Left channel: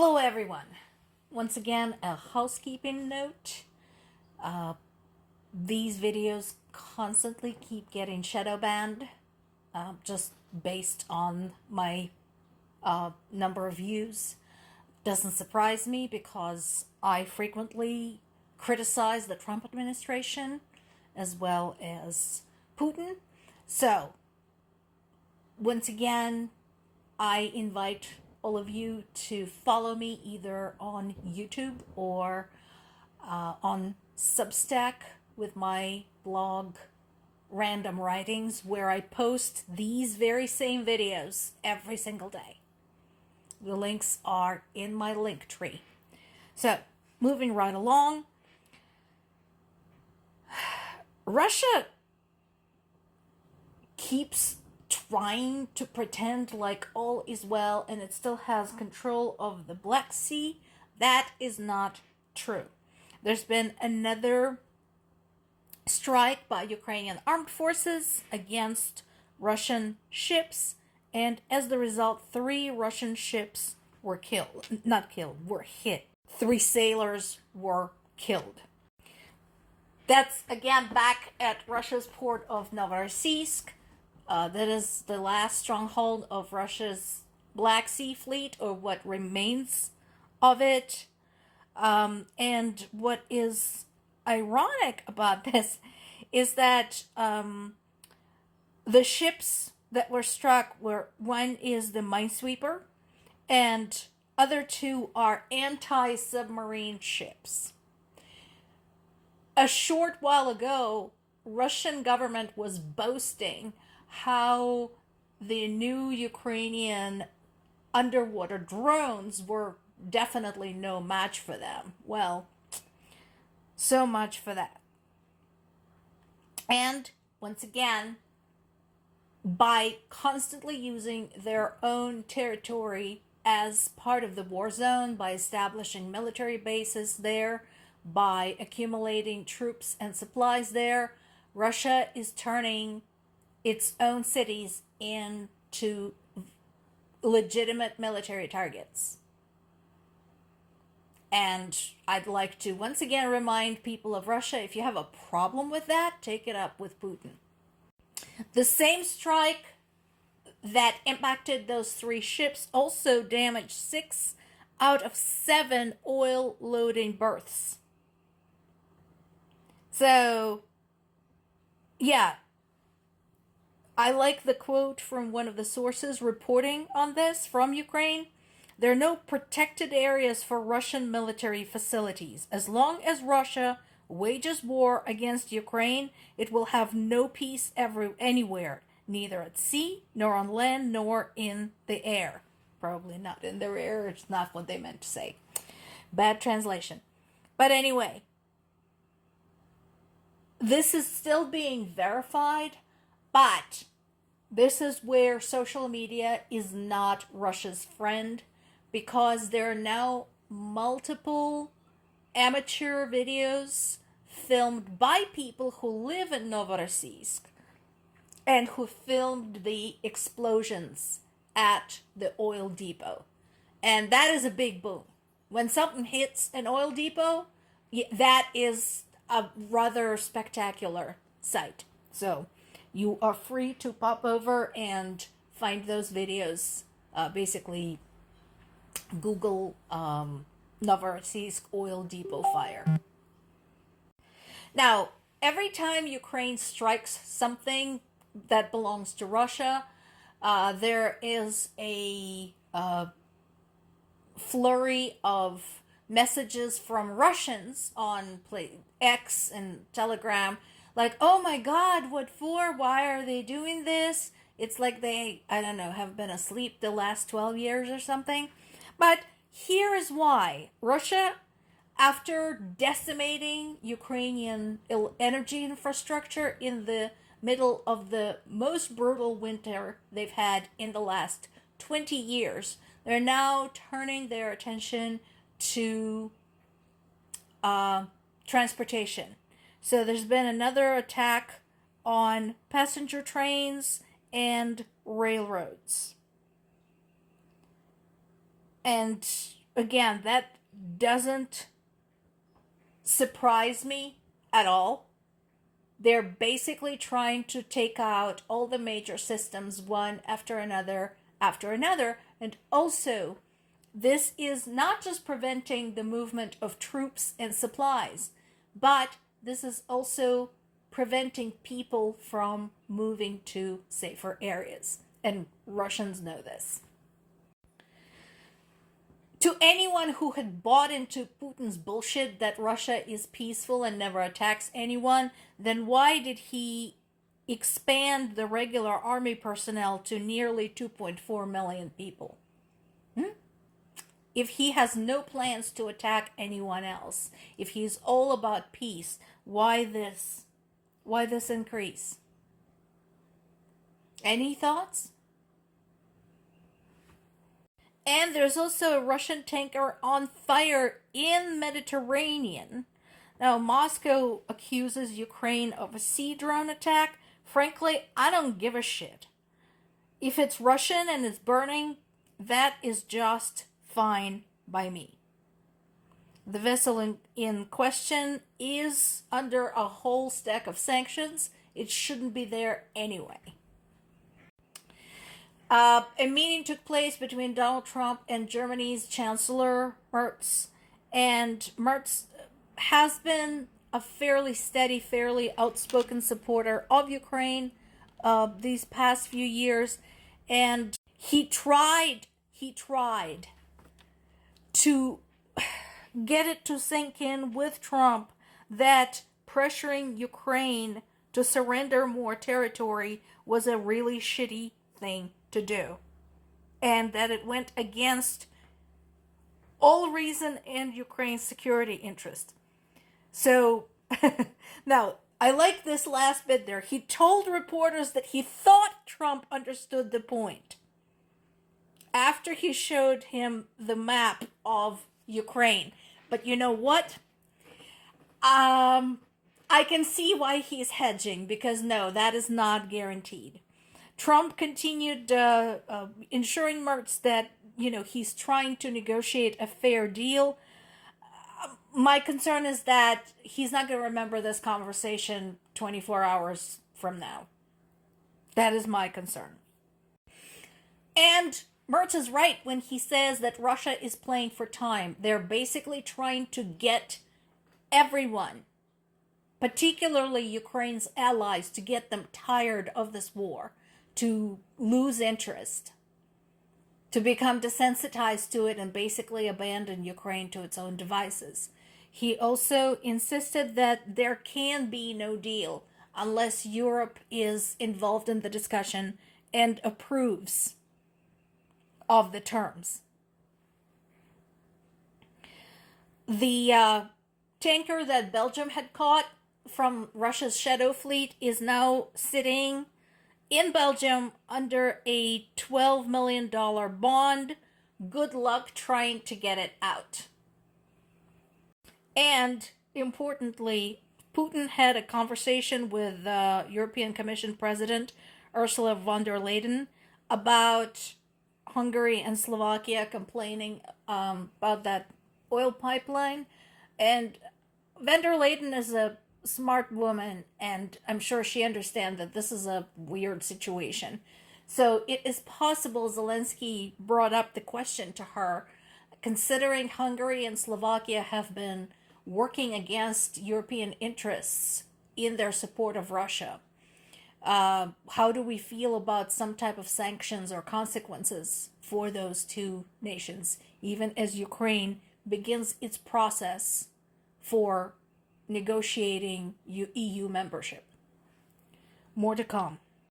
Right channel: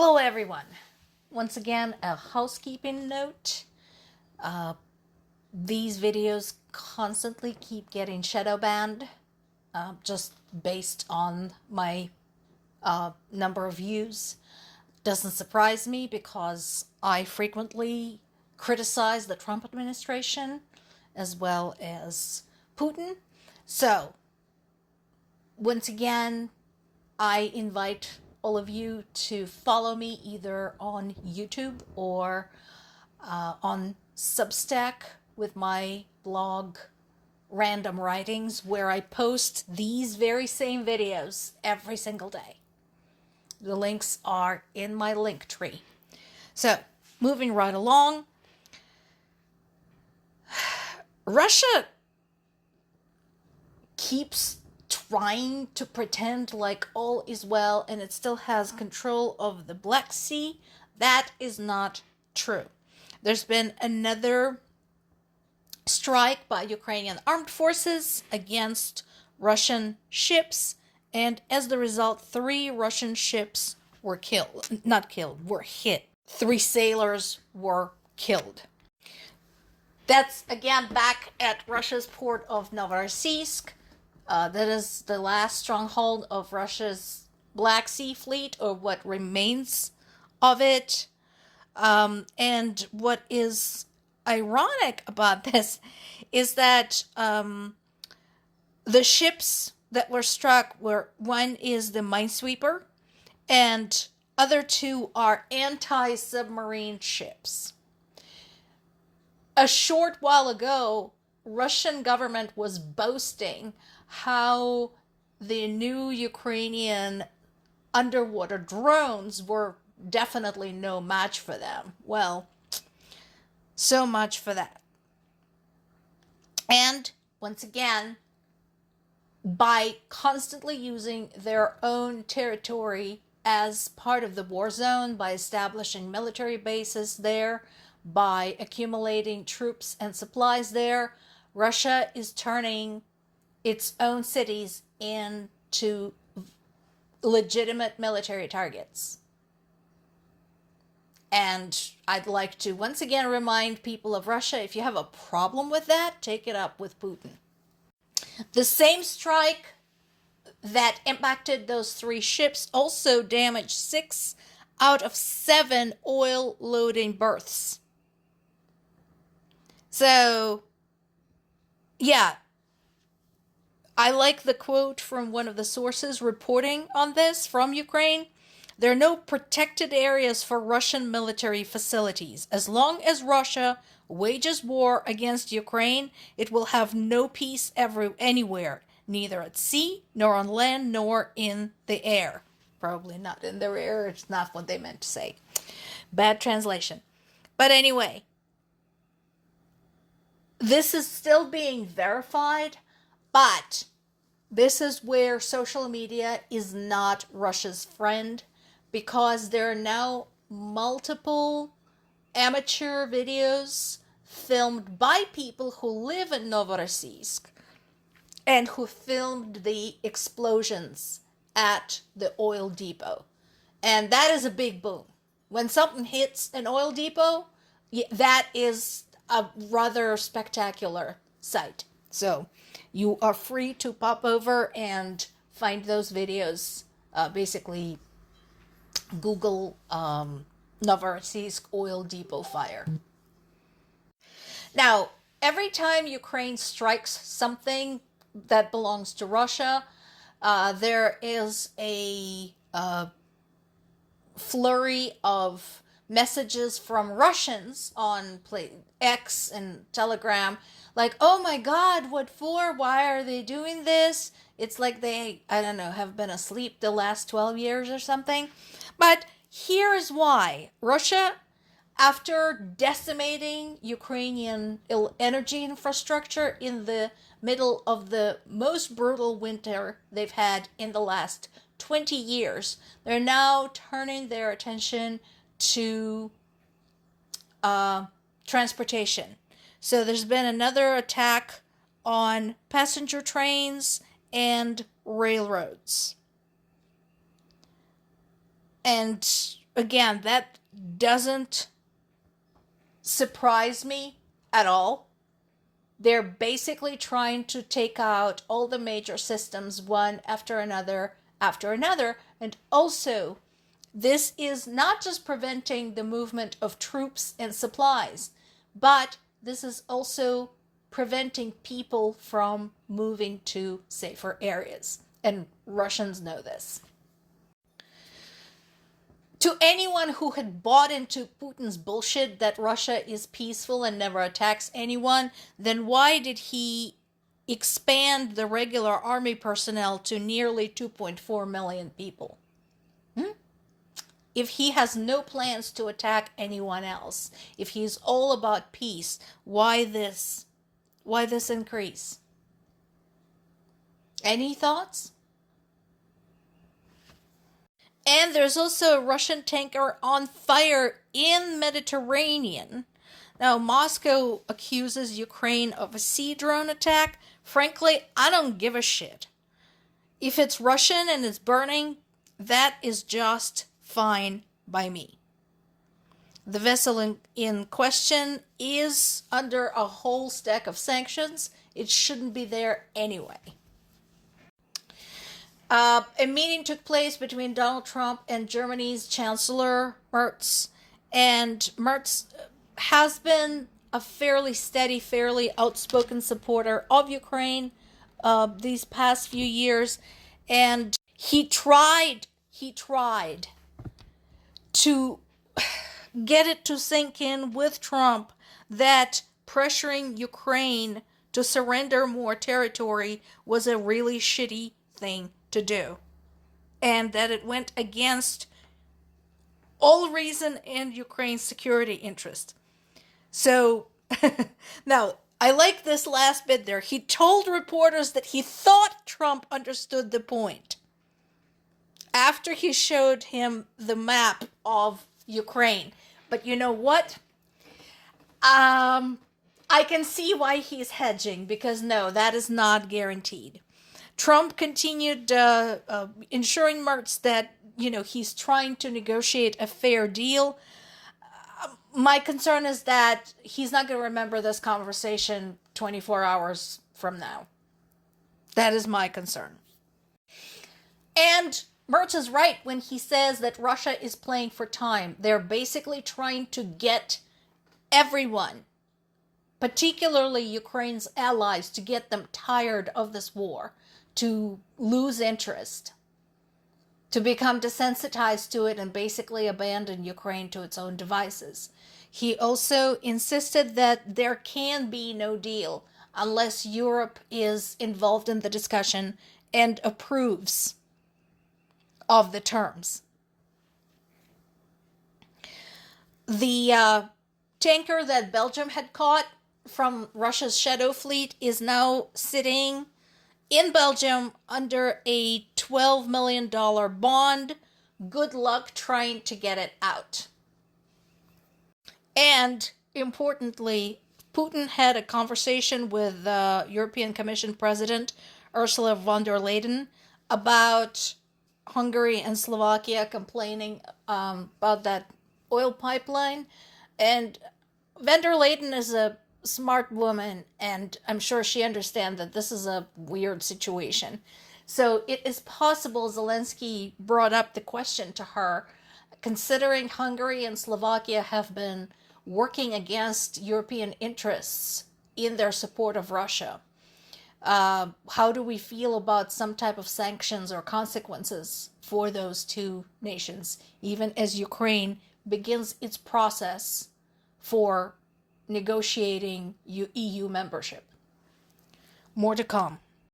Hello, everyone. Once again, a housekeeping note. These videos constantly keep getting shadow banned, just based on my number of views. Doesn't surprise me because I frequently criticize the Trump administration as well as Putin. So, once again, I invite all of you to follow me either on YouTube or on Substack with my blog Random Writings, where I post these very same videos every single day. The links are in my link tree. So, moving right along, Russia keeps trying to pretend like all is well and it still has control of the Black Sea. That is not true. There's been another strike by Ukrainian armed forces against Russian ships, and as the result, 3 Russian ships were were hit. 3 sailors were killed. That's again back at Russia's port of Novorossiysk. That is the last stronghold of Russia's Black Sea Fleet, or what remains of it. And what is ironic about this is that the ships that were struck were, one is the Minesweeper, and other 2 are anti-submarine ships. A short while ago, Russian government was boasting how the new Ukrainian underwater drones were definitely no match for them. Well, so much for that. And once again, by constantly using their own territory as part of the war zone, by establishing military bases there, by accumulating troops and supplies there, Russia is turning its own cities into legitimate military targets. And I'd like to once again remind people of Russia, if you have a problem with that, take it up with Putin. The same strike that impacted those 3 ships also damaged 6 out of 7 oil loading berths. So, yeah, I like the quote from one of the sources reporting on this from Ukraine. There are no protected areas for Russian military facilities. As long as Russia wages war against Ukraine, it will have no peace anywhere, neither at sea, nor on land, nor in the air. Probably not in the air, it's not what they meant to say. Bad translation. But anyway, this is still being verified, but this is where social media is not Russia's friend, because there are now multiple amateur videos filmed by people who live in Novorossiysk and who filmed the explosions at the oil depot. And that is a big boom. When something hits an oil depot, that is a rather spectacular sight. So you are free to pop over and find those videos. Basically, Google Novorossiysk oil depot fire. Now, every time Ukraine strikes something that belongs to Russia, there is a flurry of messages from Russians on X and Telegram, like, oh my God, what for? Why are they doing this? It's like they, I don't know, have been asleep the last 12 years or something. But here is why. Russia, after decimating Ukrainian energy infrastructure in the middle of the most brutal winter they've had in the last 20 years, they're now turning their attention to transportation. So there's been another attack on passenger trains and railroads. And again, that doesn't surprise me at all. They're basically trying to take out all the major systems one after another after another. And also, this is not just preventing the movement of troops and supplies, but this is also preventing people from moving to safer areas. And Russians know this. To anyone who had bought into Putin's bullshit that Russia is peaceful and never attacks anyone, then why did he expand the regular army personnel to nearly 2.4 million people? If he has no plans to attack anyone else, if he's all about peace, why this increase? Any thoughts? And there's also a Russian tanker on fire in Mediterranean. Now, Moscow accuses Ukraine of a sea drone attack. Frankly, I don't give a shit. If it's Russian and it's burning, that is just fine by me. The vessel in question is under a whole stack of sanctions. It shouldn't be there anyway. A meeting took place between Donald Trump and Germany's Chancellor Merz. And Merz has been a fairly steady, fairly outspoken supporter of Ukraine these past few years. And he tried to get it to sink in with Trump that pressuring Ukraine to surrender more territory was a really shitty thing to do, and that it went against all reason and Ukraine's security interest. So now I like this last bit there. He told reporters that he thought Trump understood the point after he showed him the map of Ukraine. But you know what? I can see why he's hedging, because no, that is not guaranteed. Trump continued ensuring Merz that, he's trying to negotiate a fair deal. My concern is that he's not going to remember this conversation 24 hours from now. That is my concern. And Merz is right when he says that Russia is playing for time. They're basically trying to get everyone, particularly Ukraine's allies, to get them tired of this war, to lose interest, to become desensitized to it and basically abandon Ukraine to its own devices. He also insisted that there can be no deal unless Europe is involved in the discussion and approves of the terms. The tanker that Belgium had caught from Russia's Shadow Fleet is now sitting in Belgium under a $12 million bond. Good luck trying to get it out. And importantly, Putin had a conversation with European Commission President Ursula von der Leyen about Hungary and Slovakia complaining about that oil pipeline. And von der Leyen is a smart woman, and I'm sure she understands that this is a weird situation. So it is possible Zelensky brought up the question to her, considering Hungary and Slovakia have been working against European interests in their support of Russia. How do we feel about some type of sanctions or consequences for those two nations, even as Ukraine begins its process for negotiating EU membership? More to come.